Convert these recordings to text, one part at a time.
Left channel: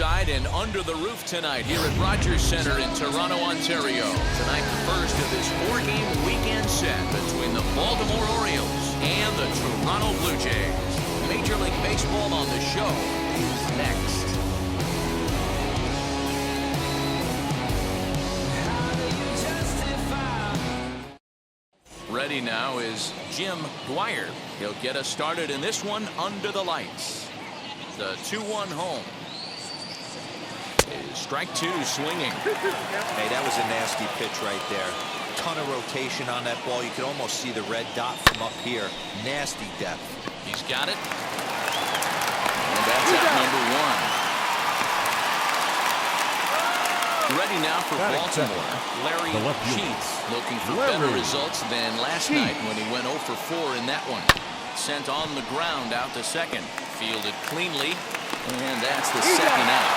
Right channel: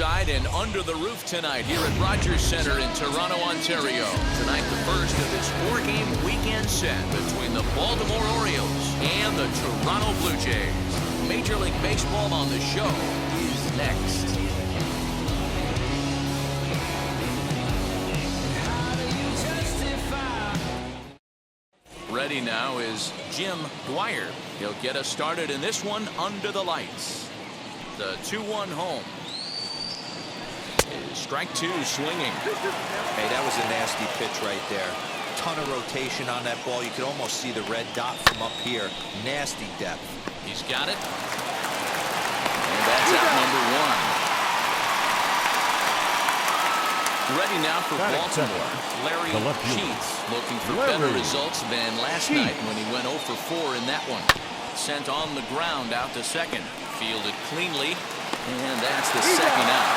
courtside and under the roof tonight here at Rogers Center in Toronto, Ontario. Tonight, the first of this 4-game weekend set between the Baltimore Orioles and the Toronto Blue Jays. Major League Baseball on the show is next. Ready now is Jim Dwyer. He'll get us started in this one under the lights. The 2-1 home. Is strike 2 swinging. Hey, that was a nasty pitch right there. Ton of rotation on that ball. You could almost see the red dot from up here. Nasty depth. He's got it. And that's out number 1. Ready now for Baltimore. Larry Sheets looking for better results than last night when he went 0 for 4 in that one. Sent on the ground out to second. Fielded cleanly. And that's the second out.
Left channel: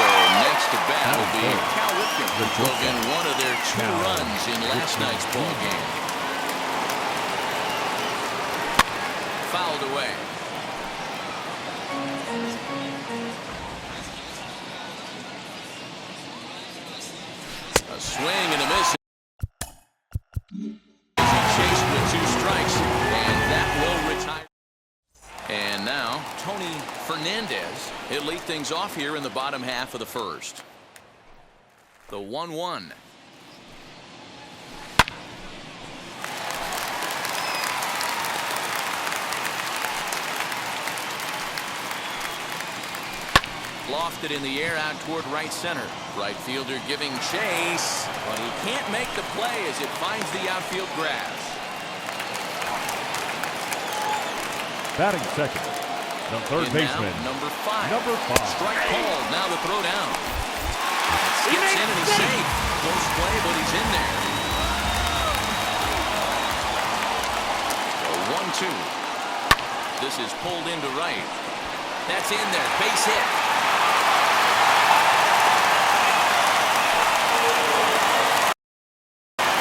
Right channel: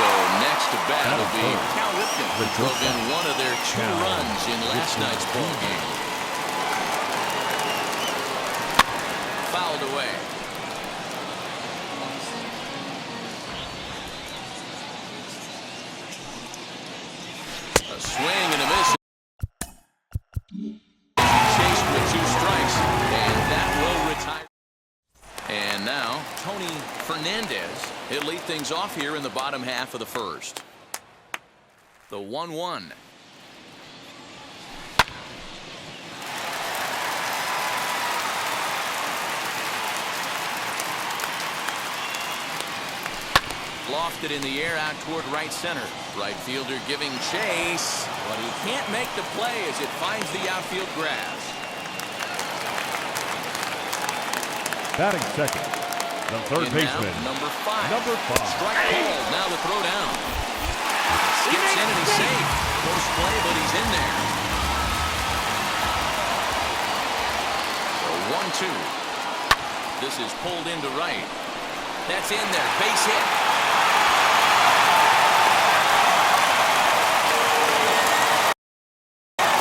So next to bat will be Cal Ripken, who drove in one of their 2 runs in last night's ball game. Fouled away. A swing and a miss. He chased with 2 strikes, and that will retire. And now, Tony Fernandez. He'll lead things off here in the bottom half of the first. The 1-1. Lofted in the air out toward right center. Right fielder giving chase, but he can't make the play as it finds the outfield grass. Batting second, the third baseman, number 5. Strike called. Now the throw down. Skips in and he's safe. Close play, but he's in there. So 1-2. This is pulled into right. That's in there. Base hit.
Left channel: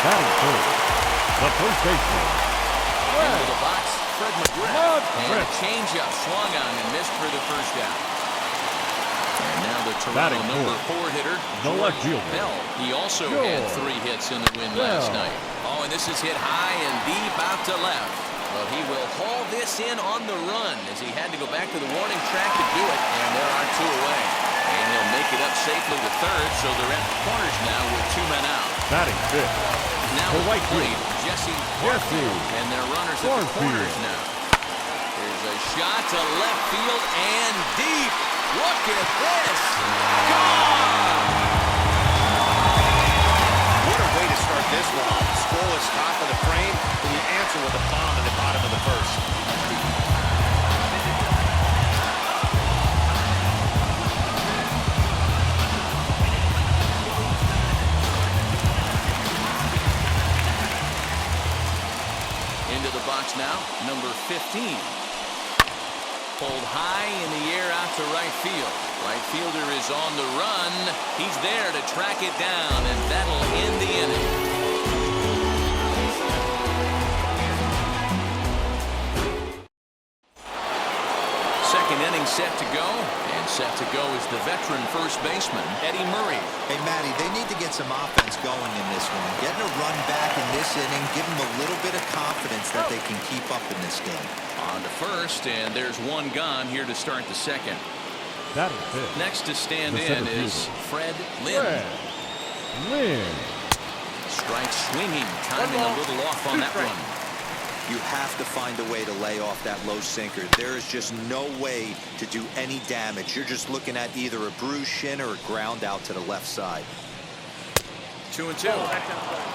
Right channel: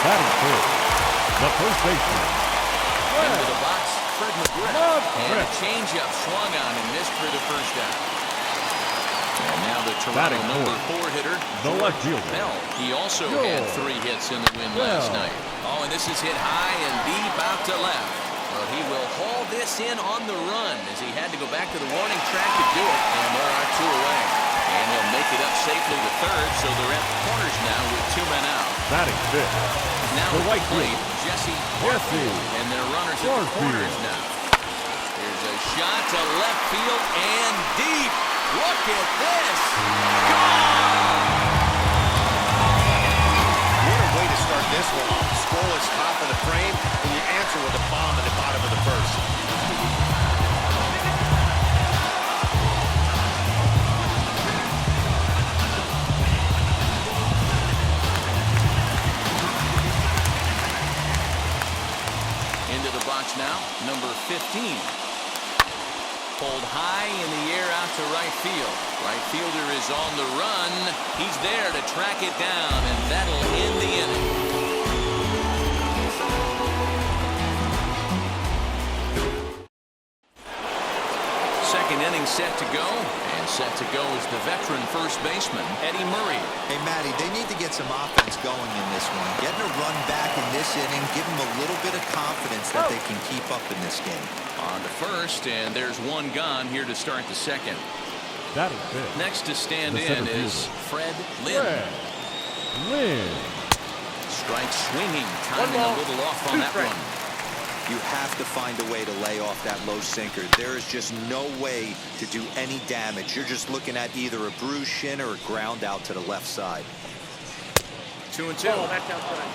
Batting third, the first baseman. Into the box, Fred McGriff. And a changeup swung on and missed for the first out. And now the Toronto number 4 hitter, the left fielder, Bell. He also had 3 hits in the win last night. Oh, and this is hit high and deep out to left. But he will haul this in on the run as he had to go back to the warning track to do it. And there are 2 away. And he'll make it up safely to third, so they're at the corners now with 2 men out. Batting fifth. Now the right plate, Jesse Barfield, and their runners at the corners now. There's a shot to left field and deep. Look at this. Gone! What a way to start this one off. Scoreless top of the frame, and you answer with a bomb in the bottom of the first. Into the box now, number 15. Pulled high in the air out to right field. Right fielder is on the run. He's there to track it down, and that'll end the inning. Second inning set to go, and set to go is the veteran first baseman, Eddie Murray. Hey, Matty, they need to get some offense going in this one. Getting a run back in this inning, give them a little bit of confidence that they can keep up in this game. On to first, and there's 1 gone here to start the second. That is fifth. Next to stand in is Fred Lynn. Strike swinging, timing a little off on that one. You have to find a way to lay off that low sinker. There is just no way to do any damage. You're just looking at either a bruised shin or a ground out to the left side. 2-2. Oh, that's outside.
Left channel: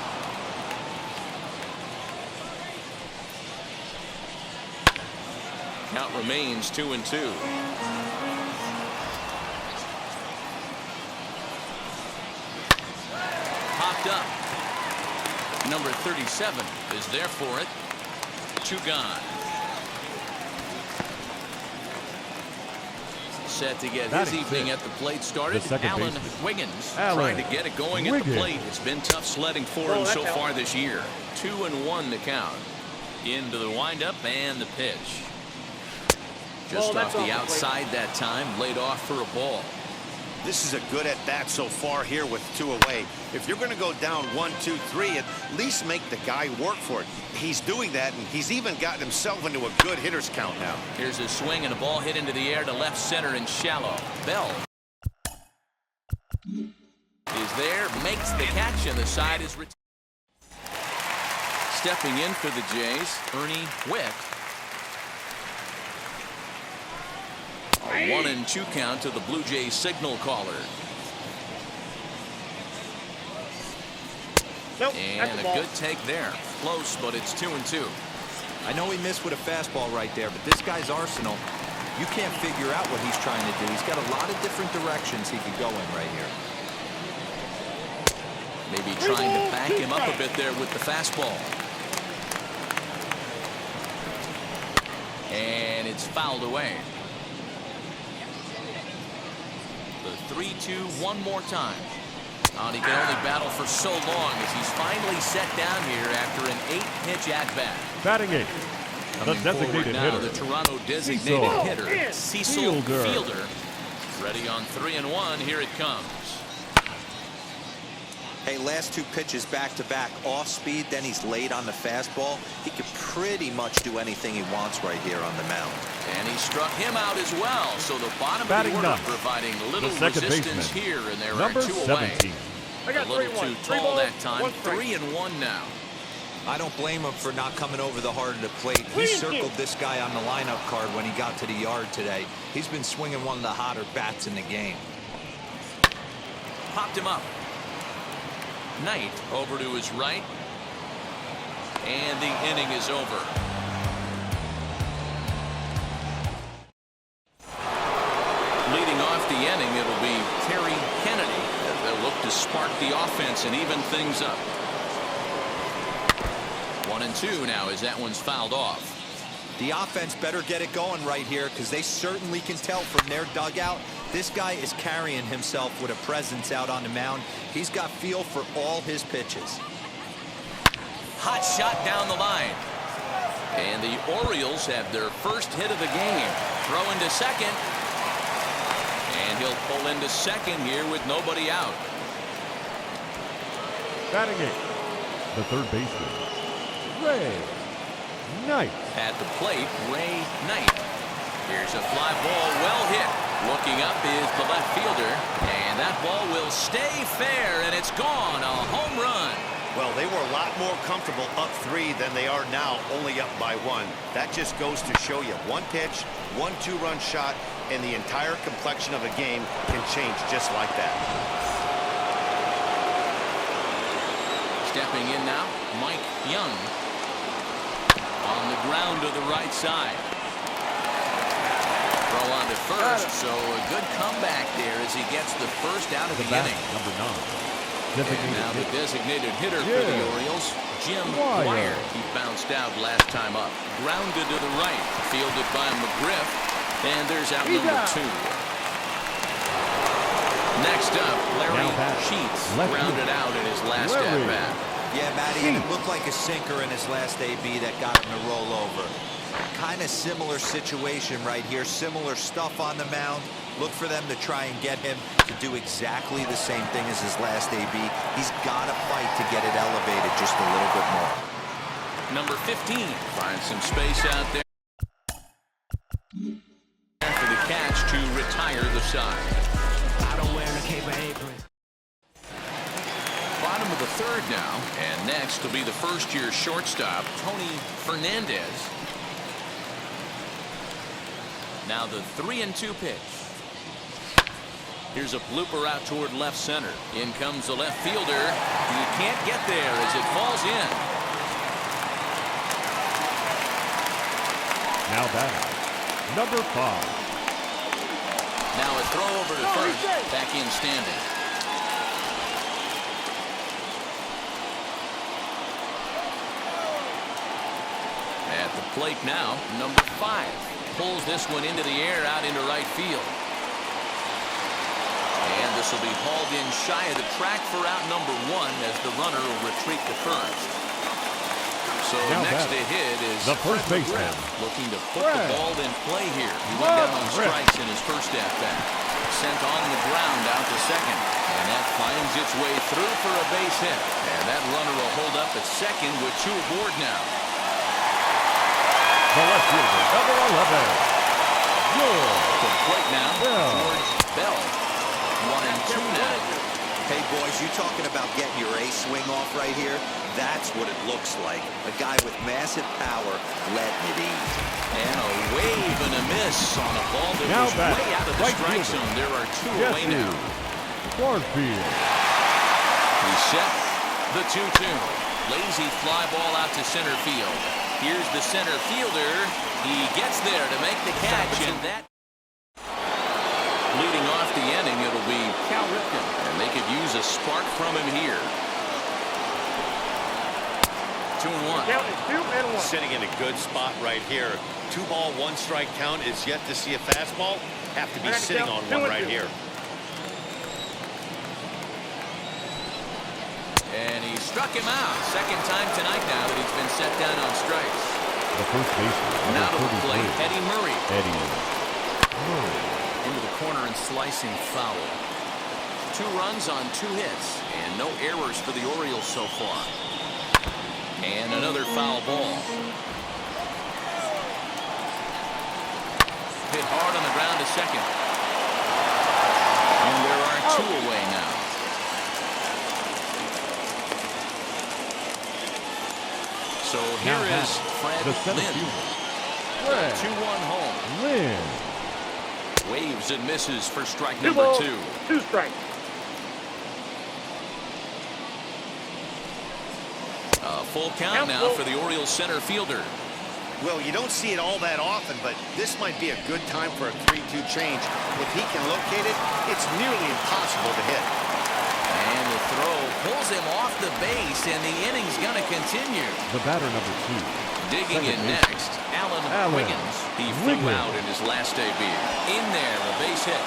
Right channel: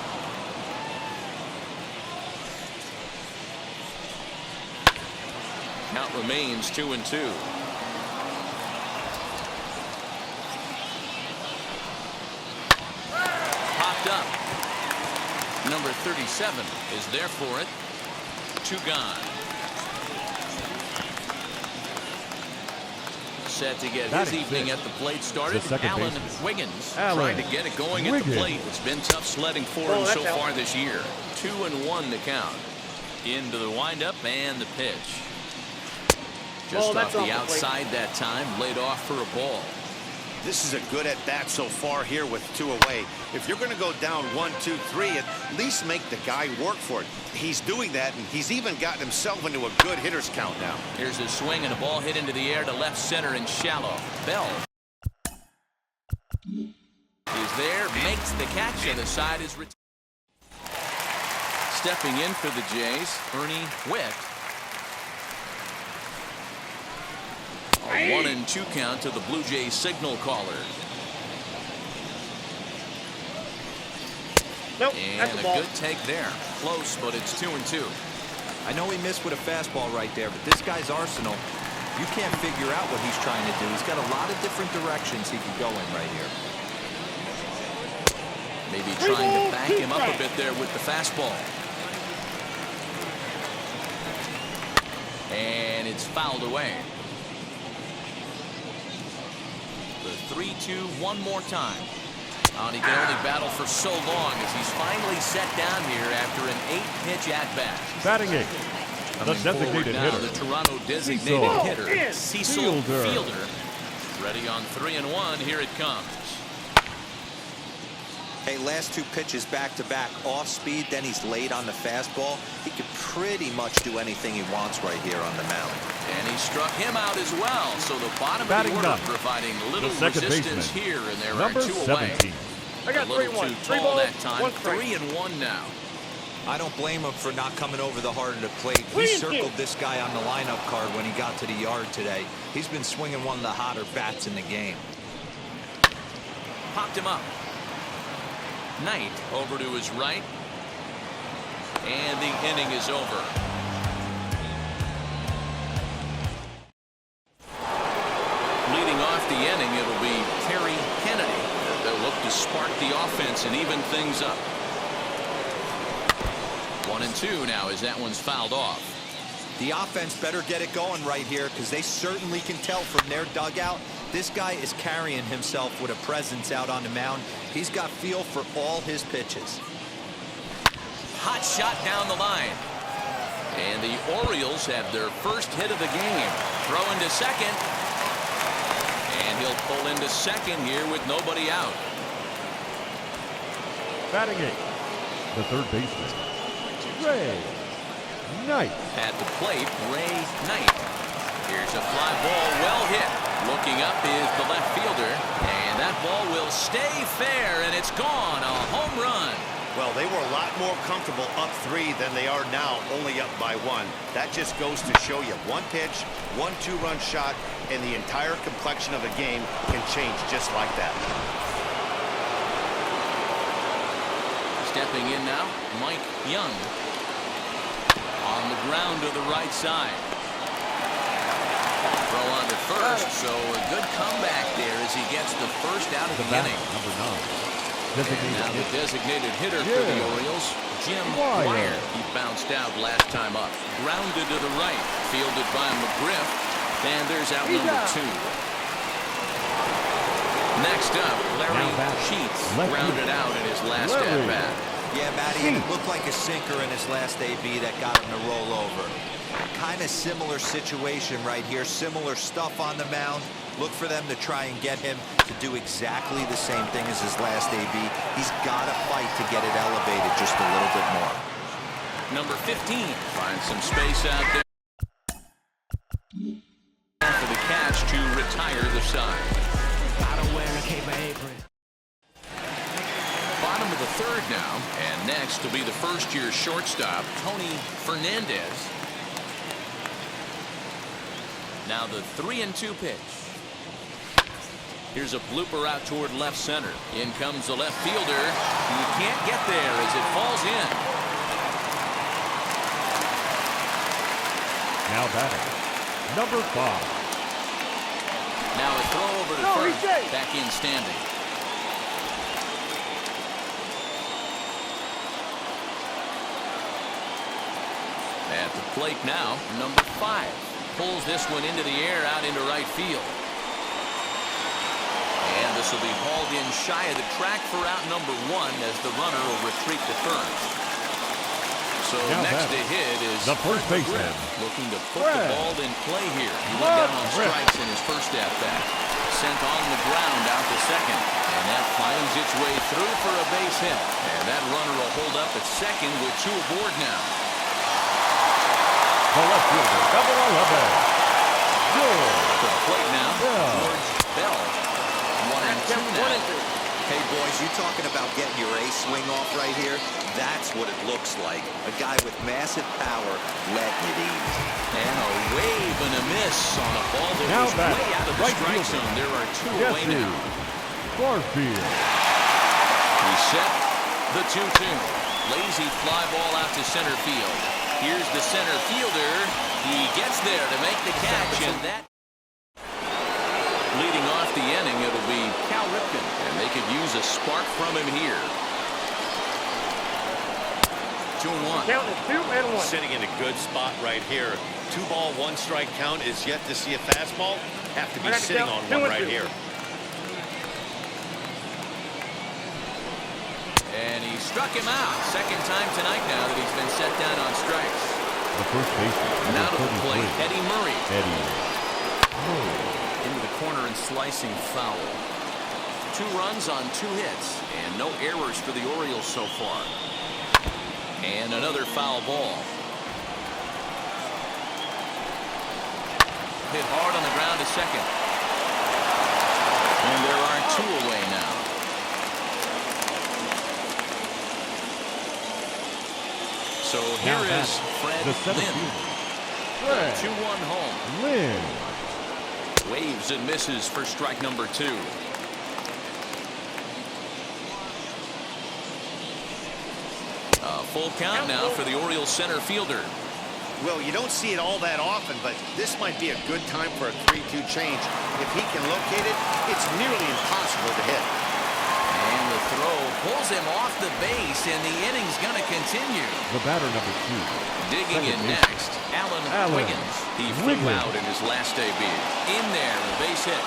Count remains 2-2. Popped up. Number 37 is there for it. 2 gone. Set to get his evening at the plate started. Alan Wiggins trying to get it going at the plate. It's been tough sledding for him so far this year. 2-1 the count. Into the windup and the pitch. Just off the outside that time, laid off for a ball. This is a good at bat so far here with 2 away. If you're going to go down 1, 2, 3, at least make the guy work for it. He's doing that, and he's even gotten himself into a good hitter's count now. Here's a swing and a ball hit into the air to left center and shallow. Bell is there, makes the catch, and the side is retired. Stepping in for the Jays, Ernie Witt. A 1-2 count to the Blue Jays signal caller. Nope, and a good take there. Close, but it's 2-2. I know he missed with a fastball right there, but this guy's arsenal, you can't figure out what he's trying to do. He's got a lot of different directions he could go in right here. Maybe trying to back him up a bit there with the fastball. And it's fouled away. The 3-2 one more time. And he can only battle for so long as he's finally set down here after an 8-pitch at-bat. Batting eighth, the Coming forward designated now, hitter, the Toronto designated hitter, Cecil Fielder. Fielder. Ready on 3-1. Here it comes. Hey, last 2 pitches back-to-back, off speed, then he's late on the fastball. He can pretty much do anything he wants right here on the mound. And he struck him out as well. So the bottom Batting of the order ninth, providing little the second resistance baseman, here, and there number are 2 away. 17. I got A little 3-1. too 3 tall balls, that time. 1 strike. 3-1 now. I don't blame him for not coming over the heart of the plate. He circled this guy on the lineup card when he got to the yard today. He's been swinging one of the hotter bats in the game. Popped him up. Knight over to his right. And the inning is over. Leading off the inning, it'll be Terry Kennedy. They'll look to spark the offense and even things up. 1-2 now as that one's fouled off. The offense better get it going right here because they certainly can tell from their dugout this guy is carrying himself with a presence out on the mound. He's got feel for all his pitches. Hot shot down the line. And the Orioles have their first hit of the game. Throw into second. And he'll pull into second here with nobody out. Batting eighth, the third baseman, Ray Knight. At the plate, Ray Knight. Here's a fly ball, well hit. Looking up is the left fielder, and that ball will stay fair, and it's gone. A home run. Well, they were a lot more comfortable up 3 than they are now, only up by 1. That just goes to show you 1 pitch, 1 2-run shot, and the entire complexion of a game can change just like that. Stepping in now, Mike Young. On the ground to the right side. Throw on to first, so a good comeback there as he gets the first out of the inning. Number 9. And now the designated hitter for the Orioles, Jim Wire. He bounced out last time up. Grounded to the right, fielded by McGriff, and there's out number 2. Next up, Larry Sheets grounded out in his last at-bat. Yeah, Matty, and it looked like a sinker in his last AB that got him to roll over. Kind of similar situation right here, similar stuff on the mound. Look for them to try and get him to do exactly the same thing as his last AB. He's got to fight to get it elevated just a little bit more. Number 15 finds some space out there for the catch to retire the side. I don't wear a cape or apron. Bottom of the third now, and next will be the first-year shortstop, Tony Fernandez. Now the 3-2 pitch. Here's a blooper out toward left center. In comes the left fielder. He can't get there as it falls in. Now batting, number 5. Now a throw over to first. Back in standing. At the plate now, number 5. Pulls this one into the air out into right field. And this will be hauled in shy of the track for out number 1 as the runner will retreat to first. So Now next to batting, hit is the first Fred baseman, McGriff, looking to put Fred the ball in play here. He went down on McGriff. strikes in his first at-bat. Sent on the ground out to second. And that finds its way through for a base hit. And that runner will hold up at second with 2 aboard now. The left fielder, number 11, George. To the plate now, Bell. George Bell. 1-2 now. Hey, boys, you talking about getting your A swing off right here? That's what it looks like. A guy with massive power letting it eat. And a wave and a miss on a ball that Now was back, way out of the right strike fielder, zone. There are 2 away Jesse now. Barfield. He set the 2-2. Lazy fly ball out to center field. Here's the center fielder. He gets there to make the catch, and that leading off the inning, it'll be Cal Ripken, and they could use a spark from him here. 2-1. Count is 2-1. Sitting in a good spot right here. 2-ball, 1-strike count is yet to see a fastball. Have to be sitting on one right here. And he struck him out. Second time tonight now that he's been set down on strikes. The first baseman, Now to number the plate, 33, Eddie Murray. Eddie Murray. Into the corner and slicing foul. 2 runs on 2 hits, and no errors for the Orioles so far. And another foul ball. Hit hard on the ground to second. And there are 2 away now. So Now here is batting, Fred the center Lynn. fielder, Fred 2-1 home. Lynn. Waves and misses for strike number 2. 2 strikes. A full count now for the Orioles center fielder. Well, you don't see it all that often, but this might be a good time for a 3-2 change. If he can locate it, it's nearly impossible to hit. And the throw pulls him off the base, and the inning's going to continue. The batter, number 2. Digging in Second baseman, next, Alan Wiggins. He flew out in his last debut. In there, a base hit.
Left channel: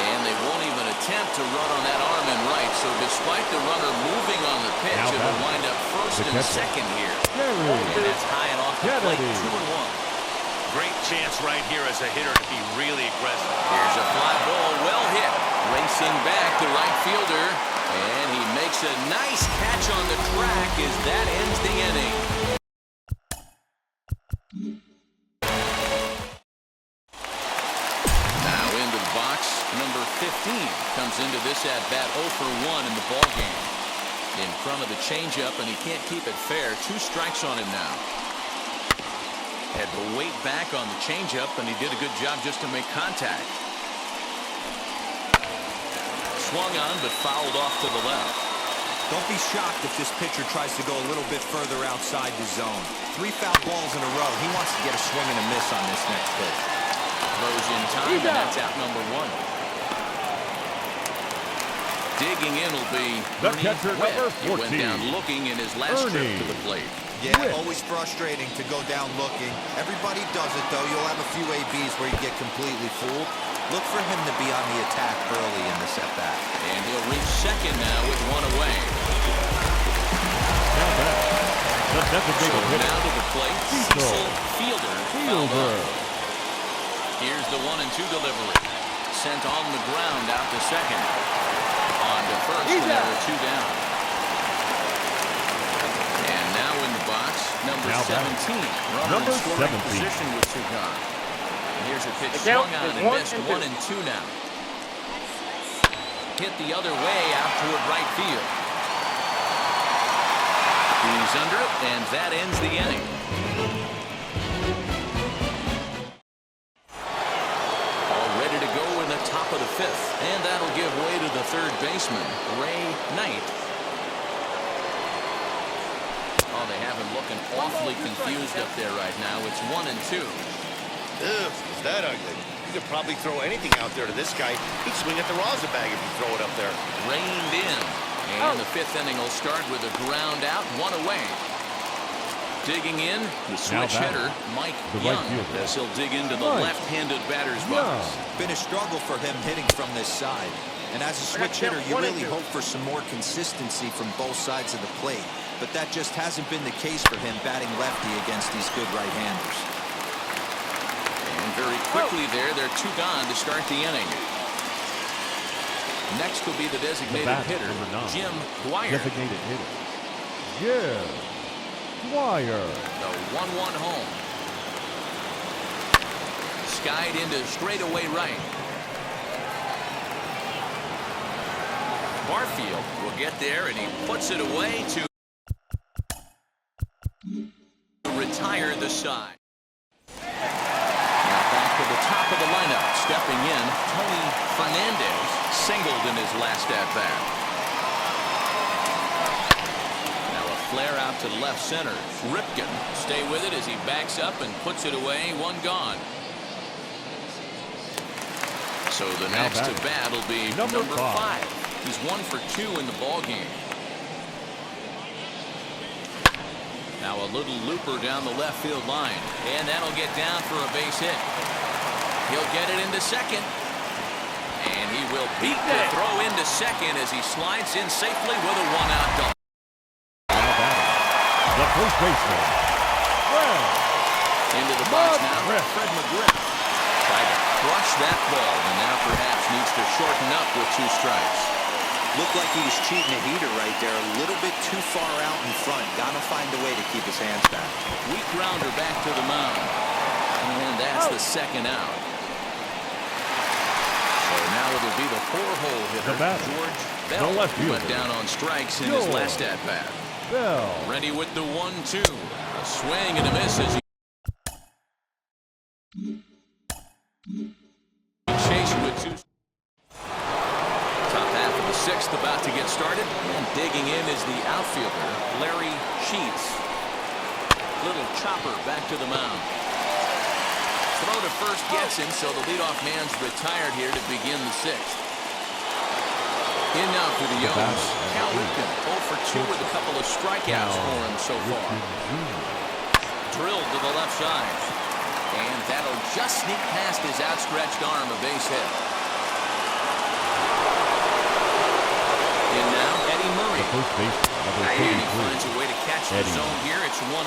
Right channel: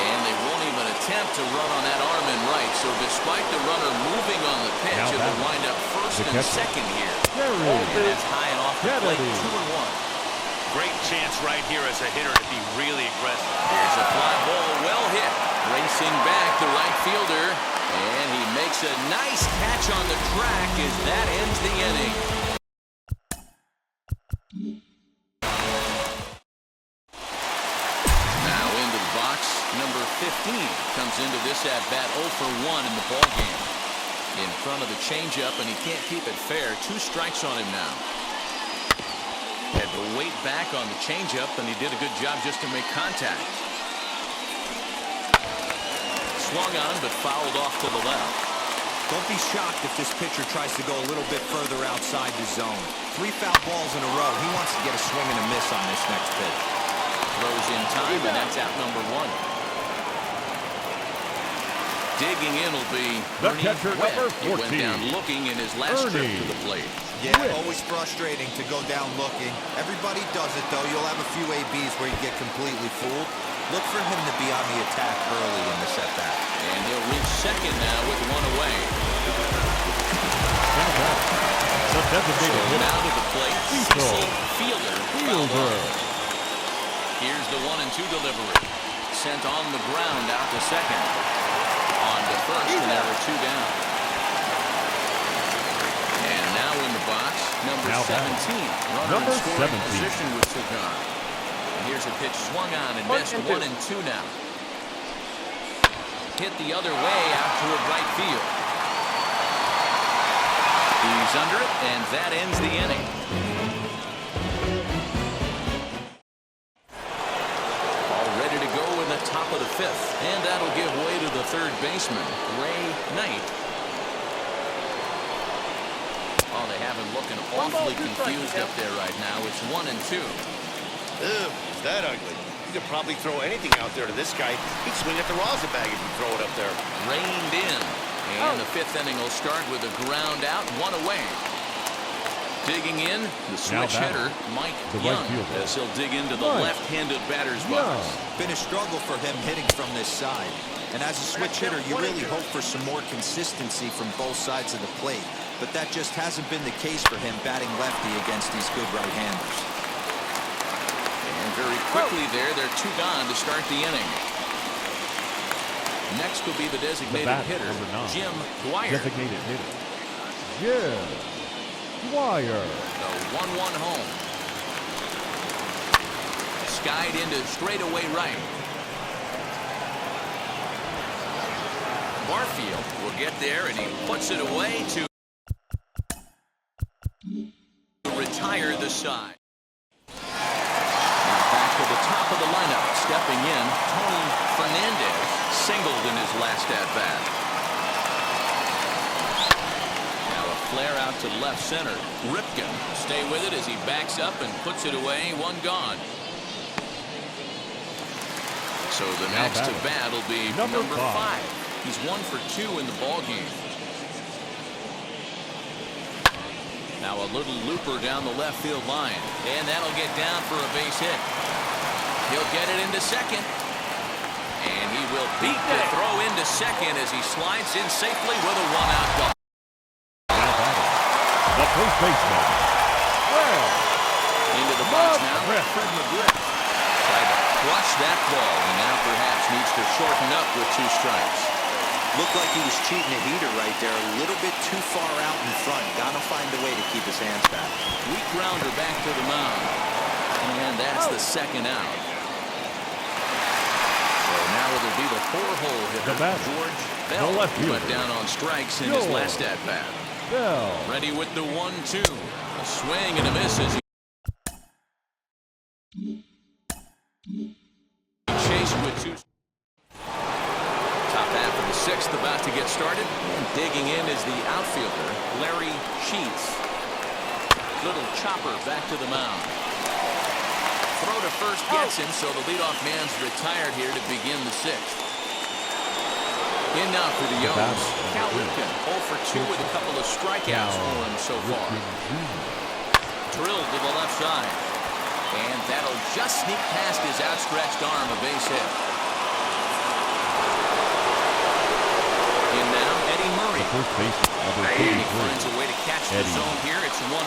And they won't even attempt to run on that arm and right, so despite the runner moving on the pitch, Now it'll batting, wind up first the and catcher, second here. Jerry And that's high and off the plate, Kennedy. 2-1. Great chance right here as a hitter to be really aggressive. Here's a fly ball, well hit. Racing back, the right fielder, and he makes a nice catch on the track as that ends the inning. Now into the box, number 15 comes into this at-bat 0 for 1 in the ballgame. In front of the changeup, and he can't keep it fair. 2 strikes on him now. Had to wait back on the changeup, and he did a good job just to make contact. Swung on, but fouled off to the left. Don't be shocked if this pitcher tries to go a little bit further outside the zone. 3 foul balls in a row. He wants to get a swing and a miss on this next pitch. Throws in time, and that's out number 1. Digging in will be The Ernie catcher, Webb. number He went 14, down looking in his last trip Ernie to the plate. Yeah, Webb. always frustrating to go down looking. Everybody does it, though. You'll have a few ABs where you get completely fooled. Look for him to be on the attack early in the at-bat. And he'll reach second now with 1 away. Now batting, the So designated hitter, now to the plate, Cecil Fielder. fouled off. Here's the 1-2 delivery. Sent on the ground out to second. On to first, and there are 2 down. And now in the box, number Now 17. Runner Number in scoring 17. position with 2 gone. And here's a pitch swung on and missed. 1-2 now. Hit the other way out toward right field. He's under it, and that ends the inning. All ready to go in the top of the 5th, and that'll give way to the 3rd baseman, Ray Knight. Oh, they have him looking awfully confused up there right now. It's 1-2. Ugh, is that ugly? You could probably throw anything out there to this guy. He'd swing at the rosin bag if you throw it up there. Reined in. And the 5th inning will start with a ground out, 1 away. Digging in, the switch hitter, Mike the right Young, fielder. as he'll dig into the Mike left-handed batter's box. Been a struggle for him hitting from this side. And as a switch hitter, you really hope for some more consistency from both sides of the plate. but that just hasn't been the case for him batting lefty against these good right-handers. And very quickly they're 2 gone to start the inning. Next will be the designated hitter, number 9. Jim Dwyer. Designated hitter, Jim Dwyer. The 1-1 home. Skied into straightaway right. Barfield will get there, and he puts it away to retire the side. Now back to the top of the lineup. Stepping in, Tony Fernandez singled in his last at-bat. Now a flare out to left center. Ripken stay with it as he backs up and puts it away. 1 gone. So the next to bat will be number 5. He's 1 for 2 in the ball game. Now a little looper down the left field line, and that'll get down for a base hit. He'll get it into second, and he will beat the throw into second as he slides in safely with a 1-out double. Now batting, the first baseman, Fred. Into the box now, Fred McGriff tried to crush that ball, and now perhaps needs to shorten up with 2 strikes. Looked like he was cheating a heater right there, a little bit too far out in front. Got to find a way to keep his hands back. Weak grounder back to the mound, and that's the 2nd out. So now it'll be the 4-hole hitter, George Bell, who went down on strikes in his last at-bat. Bell. Ready with the 1-2. A swing and a miss as he chased with 2. Top half of the 6th about to get started, and digging in is the outfielder, Larry Sheets. Little chopper back to the mound. Throw to first gets him, so the leadoff man's retired here to begin the 6th. In now for the O's, Cal Ripken, 0 for 2 with a couple of strikeouts for him so far. Drilled to the left side, and that'll just sneak past his outstretched arm, a base hit. In now, Eddie Murray. The first baseman, number 33. And he finds a way to catch the zone here. It's 1-2.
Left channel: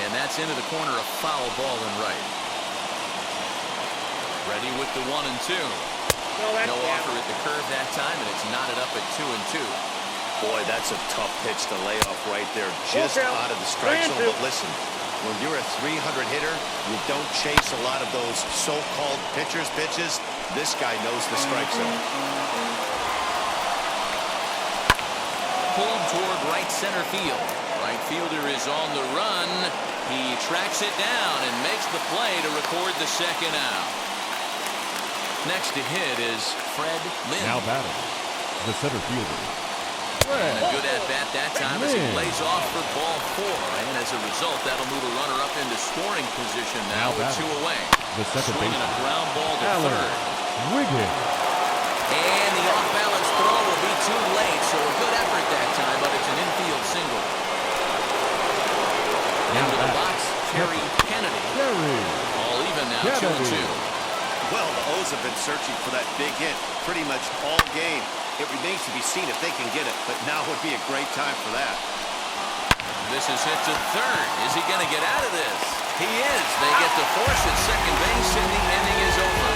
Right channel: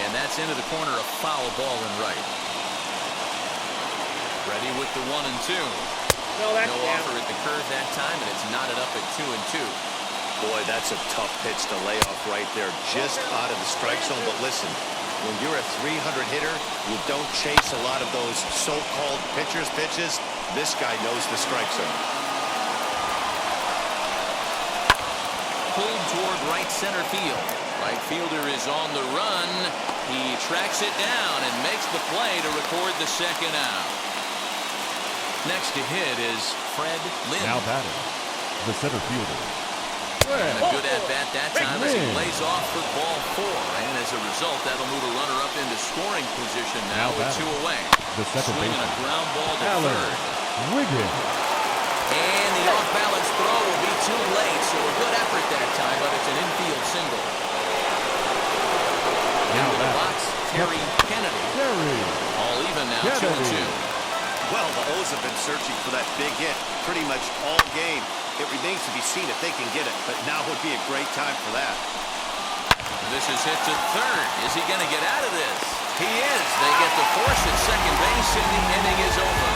And that's into the corner, a foul ball in right. Ready with the 1-2. No offer at the curve that time, and it's knotted up at 2-2. Boy, that's a tough pitch to lay off right there, just out of the strike zone. But listen, when you're a 300 hitter, you don't chase a lot of those so-called pitcher's pitches. This guy knows the strike zone. Pulled toward right center field. Right fielder is on the run. He tracks it down and makes the play to record the 2nd out. Next to hit is Fred Lynn. Now batting, the center fielder, And a good at-bat that time as he lays off for ball 4. And as a result, that'll move a runner up into scoring position now with 2 away. The second swinging baseman, a ground ball to Alan third. Wiggins. And the off-balance throw will be too late, so a good effort that time, but it's an infield single. Now into the box, Terry Kennedy. All even now, 2-2. Well, the O's have been searching for that big hit pretty much all game. It remains to be seen if they can get it, but now would be a great time for that. This is hit to third. Is he going to get out of this? He is. They get the force at second base, and the inning is over.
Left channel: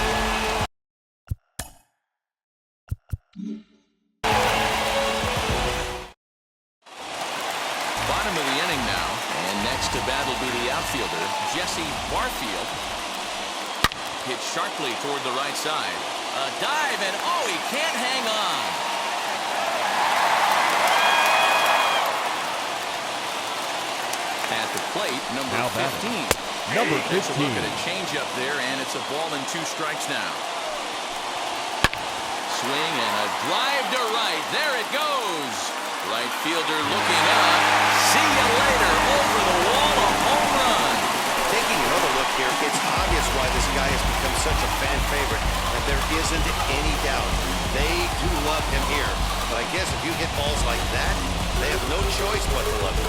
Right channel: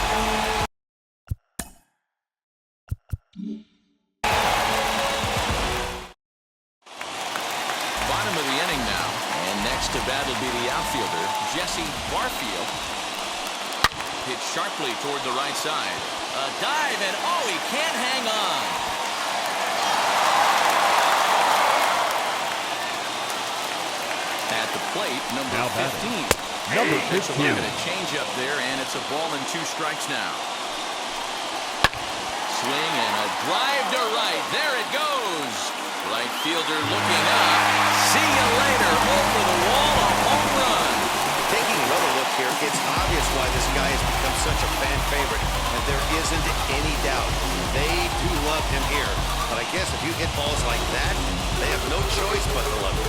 Bottom of the inning now, and next to bat will be the outfielder, Jesse Barfield. Hit sharply toward the right side. A dive, and oh, he can't hang on. At the plate, number 15. Number 15. Takes a look at a changeup there, and it's a ball and 2 strikes now. Swing and a drive to right. There it goes. Right fielder looking up. See you later. Over the wall, a home run. Taking another look here, it's obvious why this guy has become such a fan favorite, and there isn't any doubt. They do love him here, but I guess if you hit balls like that, they have no choice but to love you.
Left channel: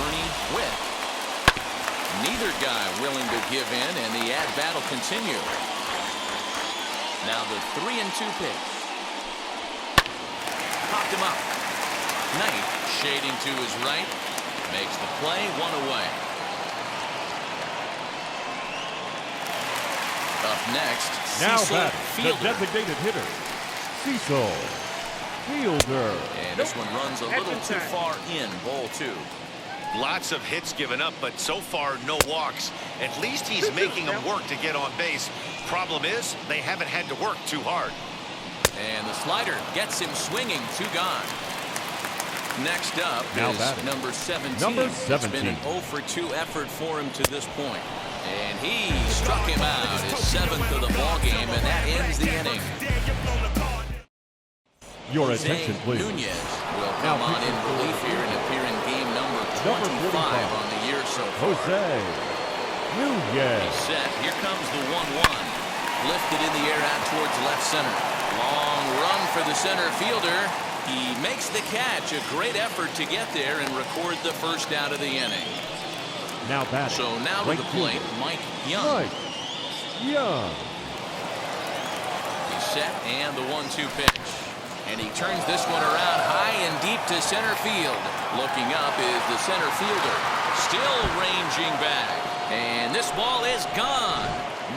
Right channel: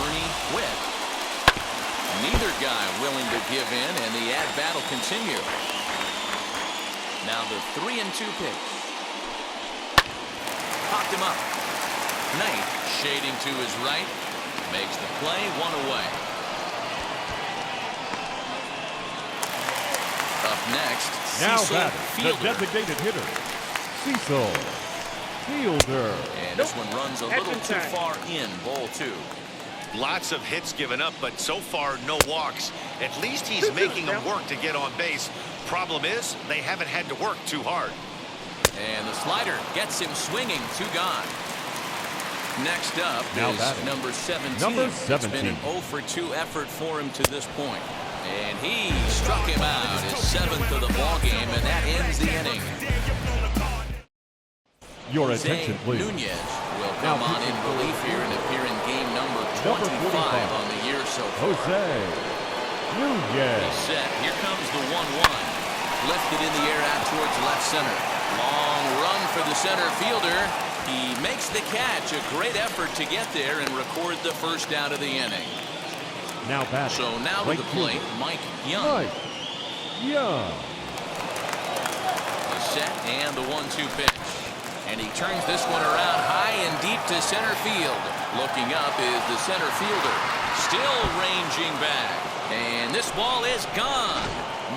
Ernie Witt. Neither guy willing to give in, and the at-bat will continue. Now the 3-2 pitch. Popped him up. Knight shading to his right. Makes the play, 1 away. Up next, Now Cecil batting, Fielder. the designated hitter, Cecil Fielder. And this one runs a little too far in, ball 2. Lots of hits given up, but so far no walks. At least he's making them work to get on base. Problem is, they haven't had to work too hard. And the slider gets him swinging, 2 gone. Next up Now is batting. number 17. Number It's been 17. an 0 for 2 effort for him to this point. And he struck him out, his 7th of the ball game, and that ends the inning. Your Jose attention, please. Nunez will Now come on in pitching for relief the here and appear in game number 25 on the year so far. Jose Nunez. He's set. Here comes the 1-1. Lifted in the air out towards left center. Long run for the center fielder. He makes the catch. A great effort to get there and record the first out of the inning. Now batting. So now to right the plate, fielder, Mike Young. Mike Young. He's set, and the 1-2 pitch. And he turns this one around high and deep to center field. Looking up is the center fielder. Still ranging back. And this ball is gone.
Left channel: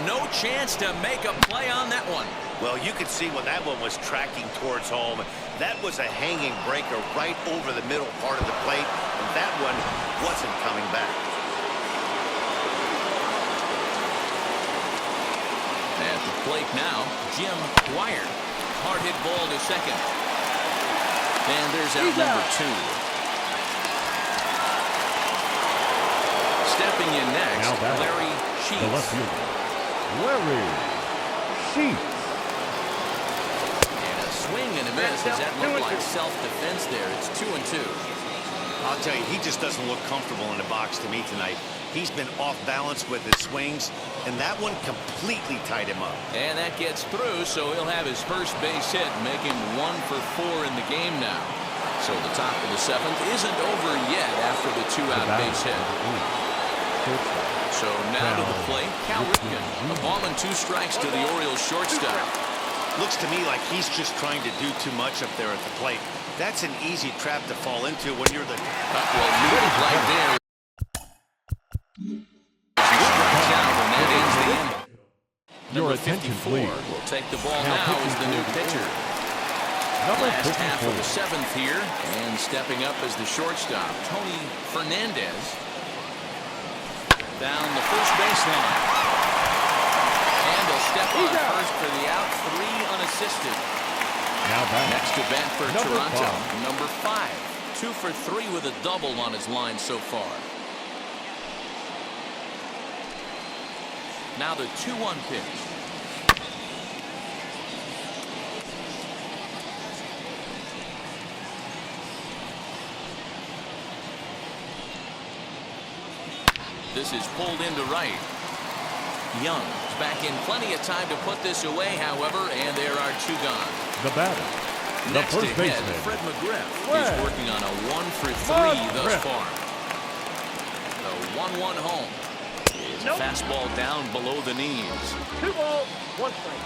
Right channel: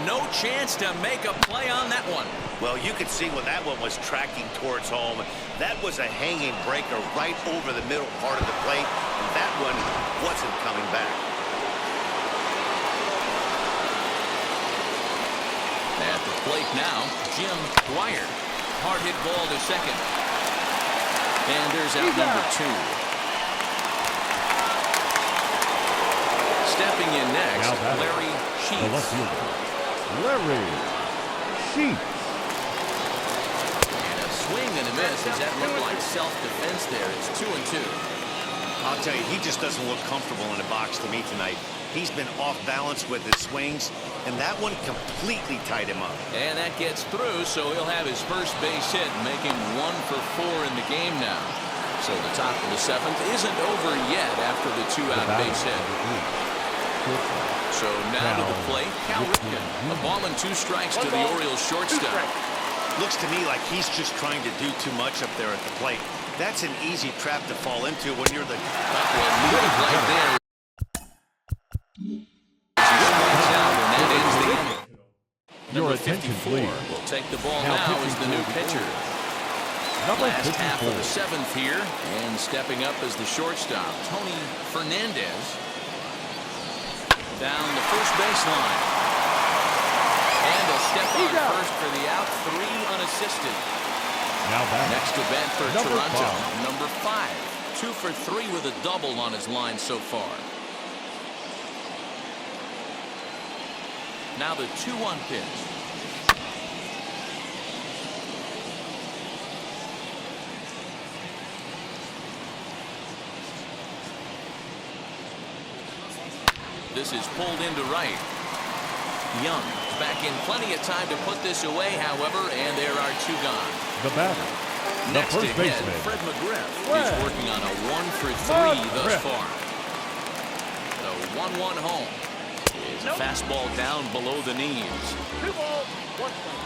No chance to make a play on that one. Well, you could see when that one was tracking towards home. That was a hanging breaker right over the middle part of the plate, and that one wasn't coming back. At the plate now, Jim Dwyer. Hard hit ball to second. And there's out number 2. Stepping in next, Now batting. Larry The left Sheets. fielder, Larry Sheets. And a swing and a miss. Does that look like self-defense there? It's 2-2. I'll tell you, he just doesn't look comfortable in the box to me tonight. He's been off balance with his swings, and that one completely tied him up. And that gets through, so he'll have his first base hit, making 1 for 4 in the game now. So the top of the 7th isn't over yet after the 2-out base hit. So now to the plate, Cal Ripken. A ball and 2 strikes to the Orioles shortstop. Looks to me like he's just trying to do too much up there at the plate. That's an easy trap to fall into when you're the... Well, leave it right there. As he strikes out, and that ends the inning. Your Number attention, 54 please. will take the ball Now now as pitching the new for the pitcher. Number Last half 54. of the 7th here, and stepping up as the shortstop, Tony Fernandez. Down the first baseline. And he'll step on first for the out, 3 unassisted. Now batting. Next to bat for Number Toronto, 5. number 5. 2 for 3 with a double on his line so far. Now the 2-1 pitch. This is pulled into right. Young is back in plenty of time to put this away, however, and there are 2 gone. The batter. Next the to first hit, baseman. Fred McGriff. Fred He's working on a 1 for 3 thus McGriff. far. The 1-1 home is a fastball down below the knees. 2 balls, 1 strike.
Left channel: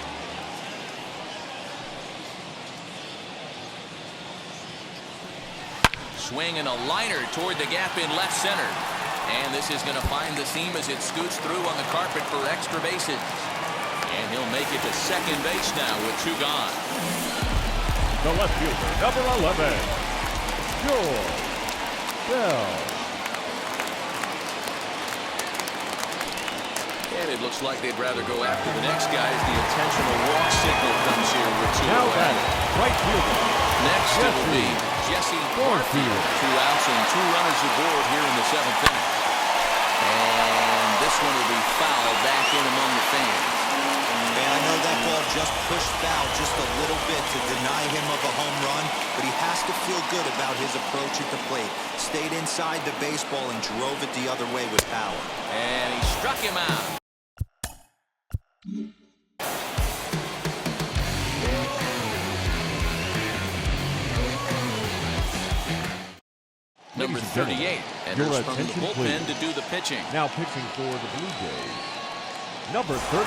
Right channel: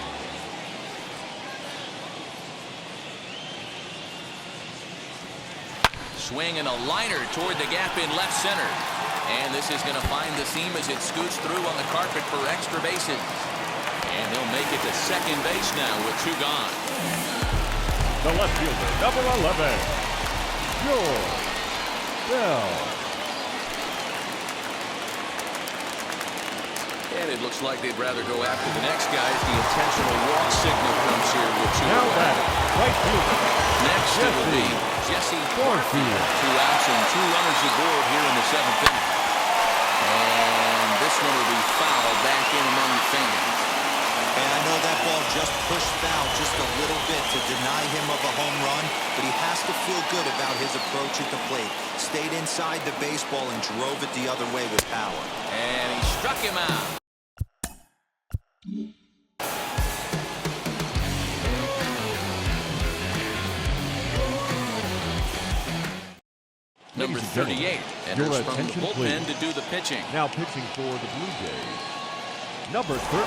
Swing and a liner toward the gap in left center. And this is going to find the seam as it scoots through on the carpet for extra bases. And he'll make it to second base now with 2 gone. The left fielder, number 11, George Bell. And it looks like they'd rather go after the next guy as the intentional walk signal comes here with 2 Now away. batting, right fielder, Next it will be Jesse Barfield. Barfield. 2 outs and 2 runners aboard here in the 7th inning. And this one will be fouled back in among the fans. And I know that ball just pushed foul just a little bit to deny him of a home run, but he has to feel good about his approach at the plate. Stayed inside the baseball and drove it the other way with power. And he struck him out. Number number Ladies and 38, gentlemen, enters your from the attention, bullpen please. to do the pitching. Now pitching for the Blue Jays, number 38.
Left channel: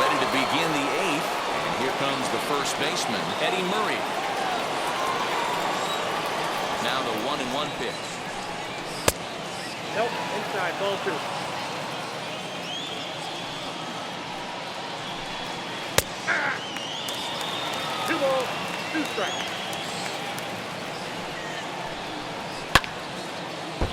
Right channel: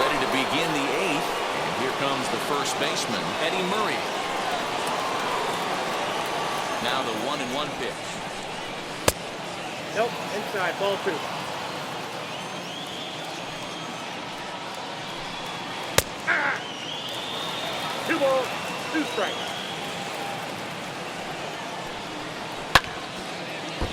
Ready to begin the 8th, and here comes the first baseman, Eddie Murray. Now the 1-1 pitch. Nope, inside, ball 2. Ah! 2 balls, 2 strikes.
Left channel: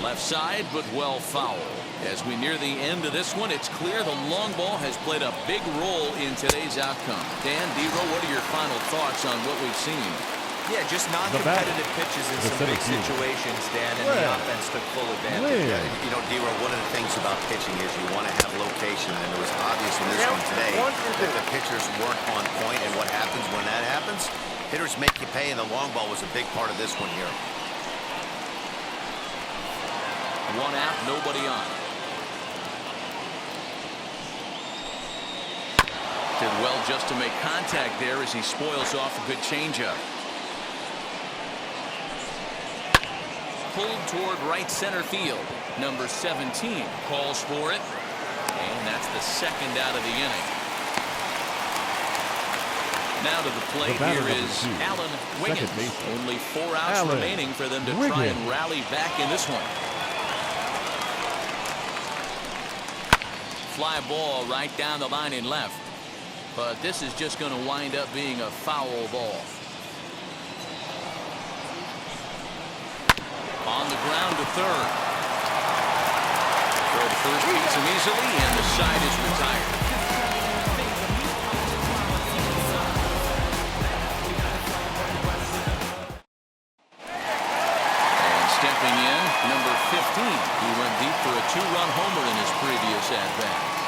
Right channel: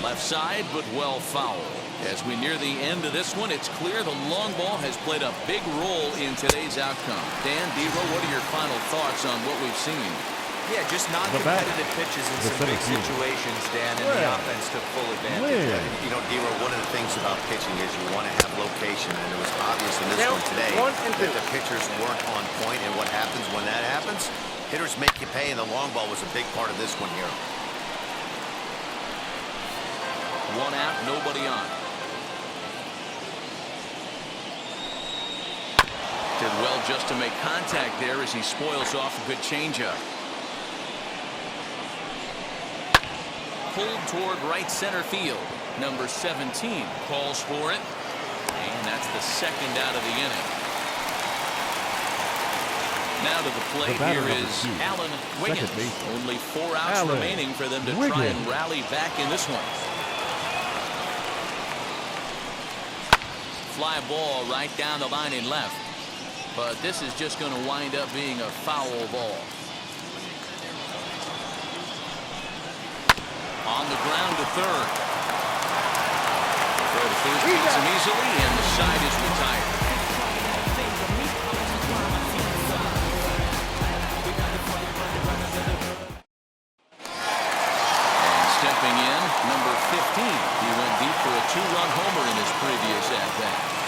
Left side, but well foul. As we near the end of this one, it's clear the long ball has played a big role in today's outcome. Dan, D-Row, what are your final thoughts on what we've seen? Yeah, just non-competitive pitches in some big situations, Dan, and the offense took full advantage. You know, D-Row, one of the things about pitching is you want to have location, and it was obvious in this one today that the pitchers weren't on point, and what happens when that happens? Hitters make you pay, and the long ball was a big part of this one here. 1 out, nobody on. Did well just to make contact there as he spoils off a good changeup. Pulled toward right center field. Number 17 calls for it, and that's the 2nd out of the inning. Now to the plate here is Alan Wiggins. Only 4 outs remaining for them to try and rally back in this one. Fly ball right down the line in left. But this is just going to wind up being a foul ball. On the ground to third. Throw to first beats him easily, and the side is retired. And stepping in, number 15. He went deep for a 2-run homer in his previous at-bat.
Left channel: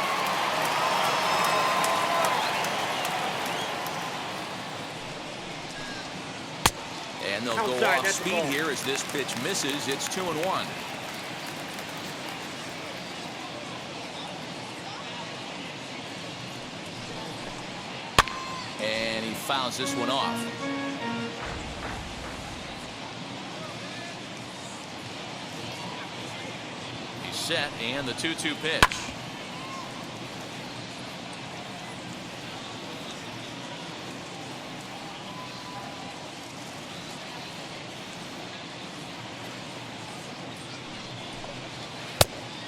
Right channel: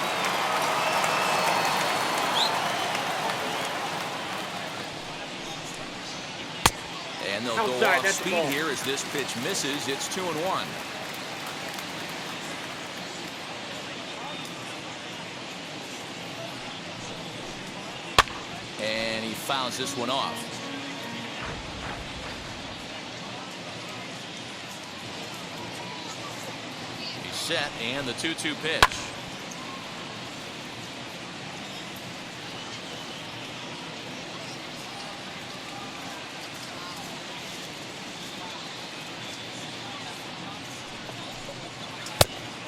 And they'll go off speed here as this pitch misses. It's 2-1. And he fouls this one off. He's set, and the 2-2 pitch.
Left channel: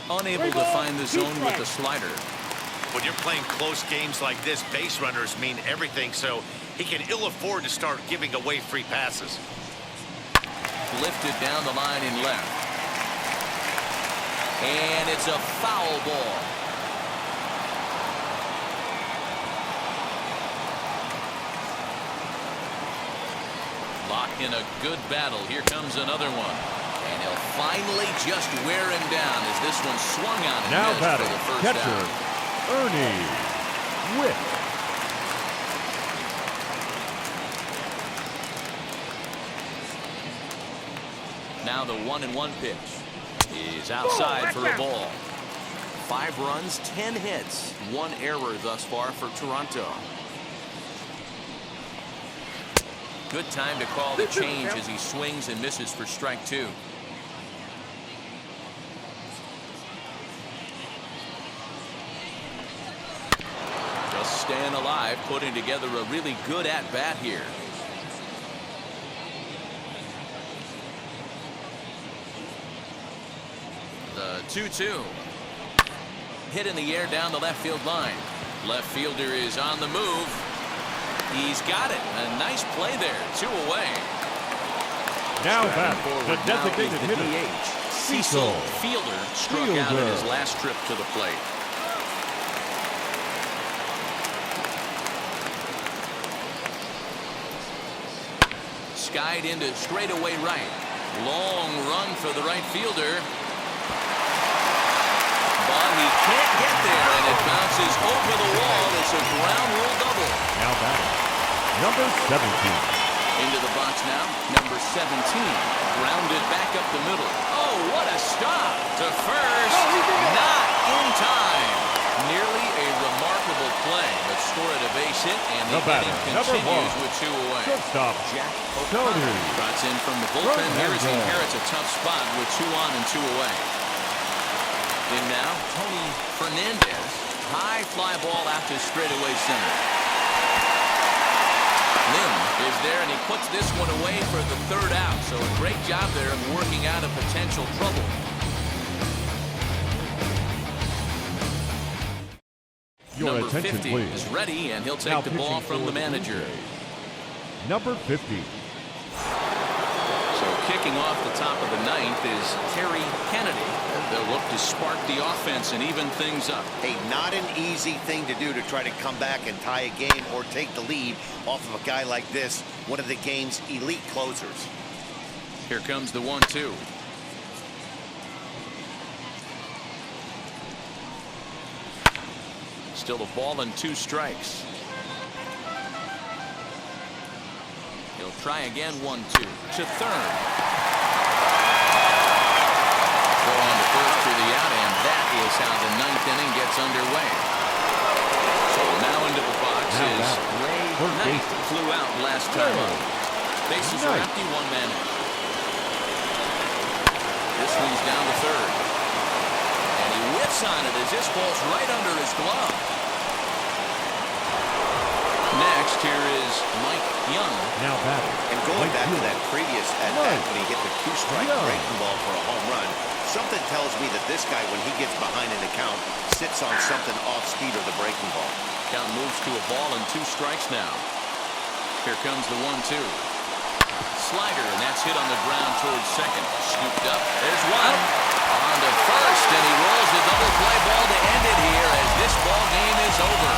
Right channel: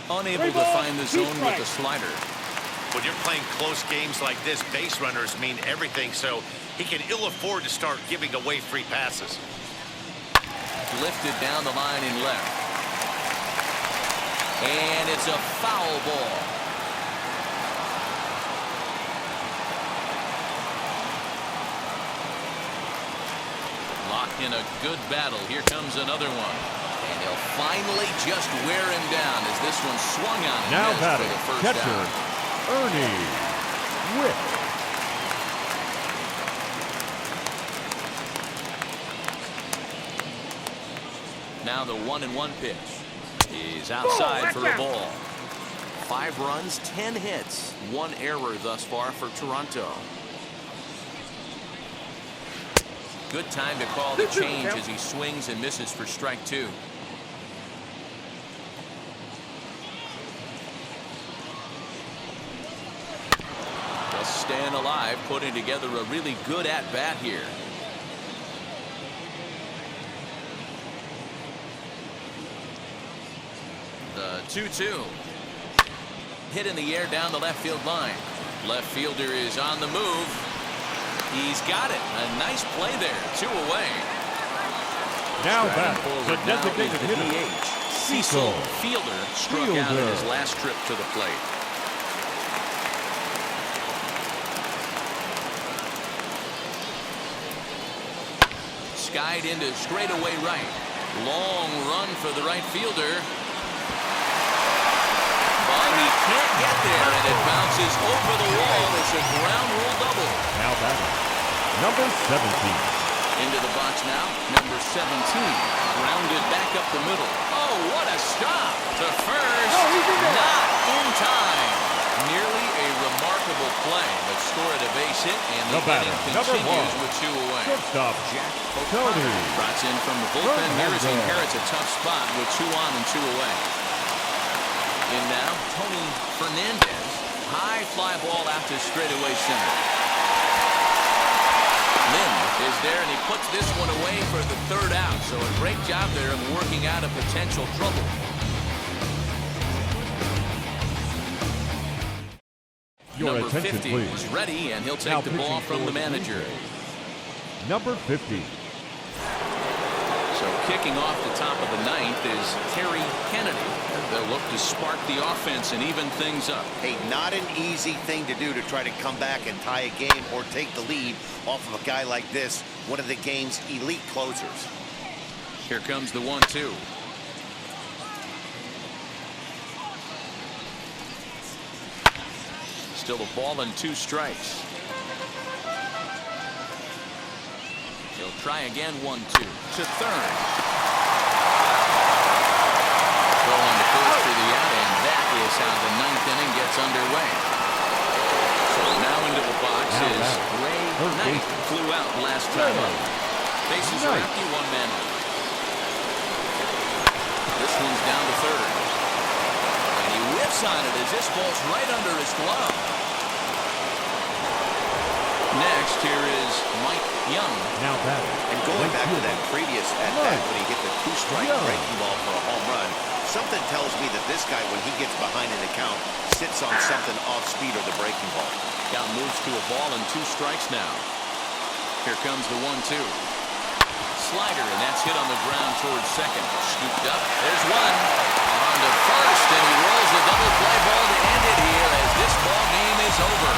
Unable to find the zone with the slider. When you're playing close games like this, base runners mean everything, so he can ill afford to start giving away free passes. Lifted down the line in left. And it's a foul ball. Locked in a good battle. Here comes another one. And he'll finally just wear him down as this one swung on and now missed for the first catcher, out. Ernie Witt. Now the 1-1 pitch is outside for a ball. 5 runs, 10 hits, 1 error thus far for Toronto. Good time to call the change as he swings and misses for strike 2. Just staying alive, putting together a really good at-bat here. The 2-2. Hit in the air down the left field line. Left fielder is on the move. He's got it. A nice play there. 2 away. Now back, forward the designated now is the hitter, DH. Cecil Fielder struck out in his last trip to the plate. Skied into straightaway right. Long run for the right fielder. But he can't get there, and it bounces over the wall. It's a ground rule double. Now batting, number 17. Into the box now, number 17. Grounded back up the middle. Oh, what a stop to first. Not in time. Nearly a remarkable play, but scored a base hit, and the The batter, inning number continues 1. with 2 away. Shortstop, Jack Tony O'Connor brought in from the bullpen here as he Fernandez. inherits a tough spot with 2 on and 2 away. In now, Tony Fernandez. High fly ball out to straightaway center. Lim is there, and he puts this one away for the 3rd out. So a great job there of working out a potential trouble. Your Number attention, 50 please. is ready, and he'll take Now the ball pitching from for the Blue manager. Jays, number 50. So kicking off the top of the 9th is Terry Kennedy. They'll look to spark the offense and even things up. Hey, not an easy thing to do to try to come back and tie a game or take the lead off of a guy like this, one of the game's elite closers. Here comes the 1-2. Still a ball and 2 strikes. He'll try again. 1-2 to third. Throw on to first for the out, and that is how the 9th inning gets underway. So now into the box Now is back. Ray Third Knight. baseman. Flew out last time Ray up. Bases are Knight. empty. 1 man out. This one's down to third. And he whips on it as this ball's right under his glove. Next, here is Mike Young. Now batting. And going Mike back to Young. that previous at-bat Mike when he hit the 2-strike Young. breaking ball for a home run, something tells me that this guy, when he gets behind an account, sits on something off speed or the breaking ball. Count moves to a ball and 2 strikes now. Here comes the 1-2. Slider, and that's hit on the ground towards second. Scooped up. There's one. On to first, and he rolls a double play ball to end it here as this ball game is over.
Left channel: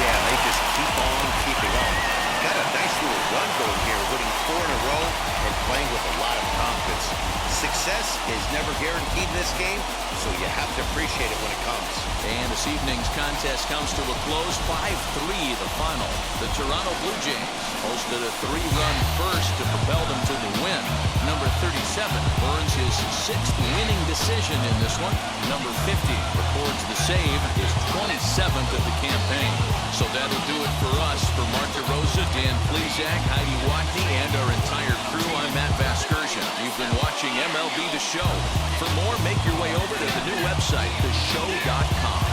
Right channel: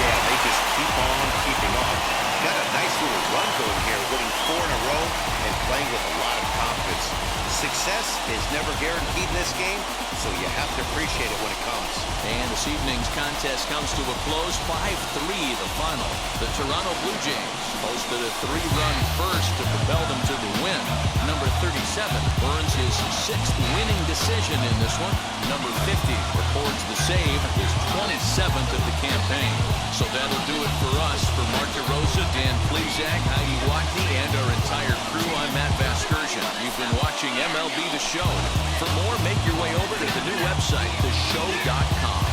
Yeah, they just keep on keeping on. Got a nice little run going here, winning 4 in a row and playing with a lot of confidence. Success is never guaranteed in this game, so you have to appreciate it when it comes. And this evening's contest comes to a close. 5-3 the final. The Toronto Blue Jays hosted a 3-run first to propel them to the win. Number 37 earns his 6th winning decision in this one. Number 50 records the save, his 27th of the campaign. So that'll do it for us. For Mark DeRosa, Dan Plezak, Heidi Watney, and our entire crew, I'm Matt Vasgersian. You've been watching MLB The Show. For more, make your way over to the new website, TheShow.com.